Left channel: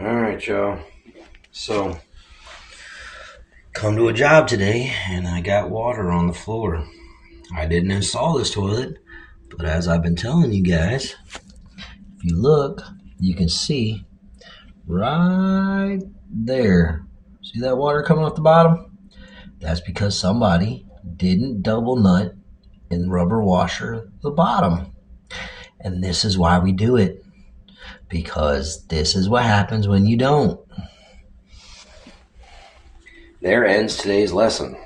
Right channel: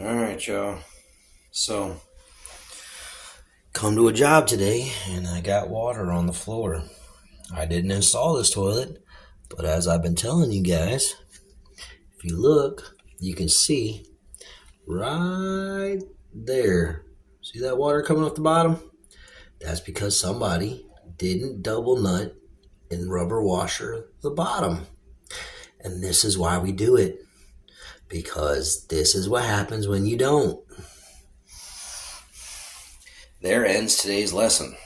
All right, y'all. So, come to a job today, and I got water on the floor. I didn't install this toilet, but as I've been telling you guys, if you look, you can see right there. See that water coming off the bottom? That's because somebody didn't double nut and rubber washer the bottom. And this is why we do it. Because this is what happens when you don't. There ends today's lesson.